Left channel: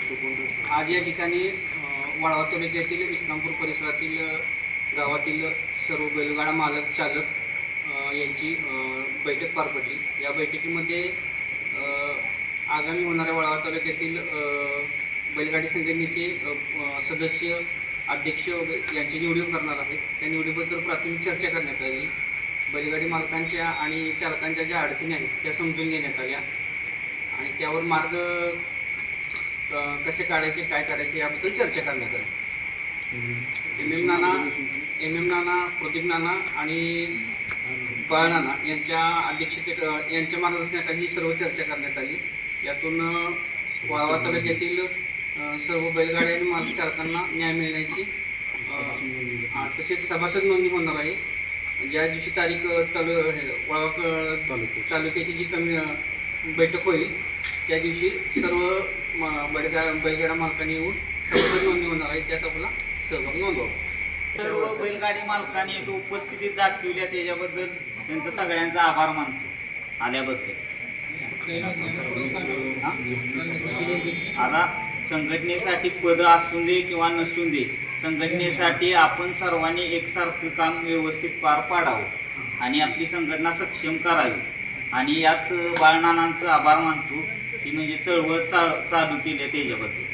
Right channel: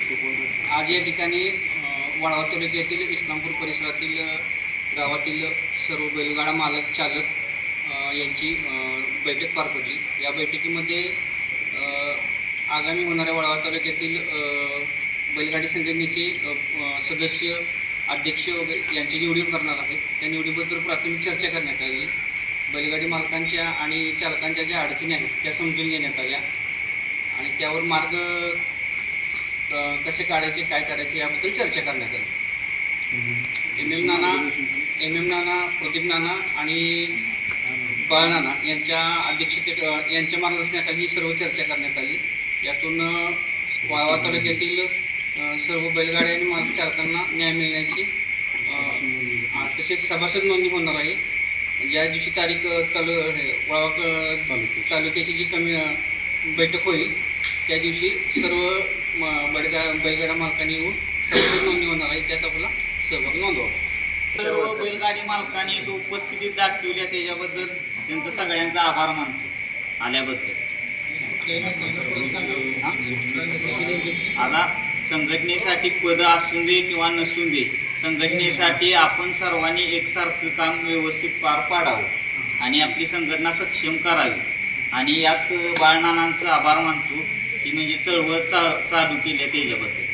आज या ठिकाणी वाळवा तालुक्यातील इस्लामपूर परिसरातील गावातील सर्व बैलगाडा मालक चालक यांची बैठक पार पडली। या बैठकीमध्ये आगामी होणाऱ्या वाळवा तालुक्यातील बैलगाडी संघटनेचे सदस्य अध्यक्ष वगैरे यांची निवड करणार आहेत। त्या निवडीबद्दल प्राथमिक चर्चा करण्यात आली। बैलगाडी मालकांच्या आणि चालकांच्या ज्या अडचणी आहेत त्या समजून घेण्यात आल्या आणि त्यावर मार्ग कसे काढायचे काय काढायचे याबद्दल चर्चा करण्यात आली। एम एम नाना प्रदीप नाना आणि बाळ नाना यांच्या अध्यक्षतेत यांच्या मार्गदर्शनाखाली सर्व चर्चा करण्यात आली। यातून वाळवा तालुक्यातील सर्व बैलगाड्या आणि मालक चालकांना न्याय मिळण्याची तसेच सभासद नोंदणी होणार आहे। ज्या दिवशी तारीख वाळवा तालुक्याची जी कमी बैठक होईल त्या दिवशी सर्व बैलगाडा मालकांनी येऊन सभासद नोंदणी होणार आहे। त्यात आपला सहभाग नोंदवा। सर्व बैलगाडी मालकांनी उपस्थितीत दाखवल्या त्याच्याबद्दल त्यांचा सगळ्यांचा आभार मानतो आल्याबद्दल। आता संघटनेसाठी पद असू दे किंवा नसू दे, संघटनेसाठी आपण सर्वांनी एकसारखं काम व्यवस्थित पार पाडावं आणि आपली संघटना सक्षम करावी। आणि यात बाळनानांचा आभार मानतो की म्हणजे चळवळ चालू केली त्याच्याबद्दल।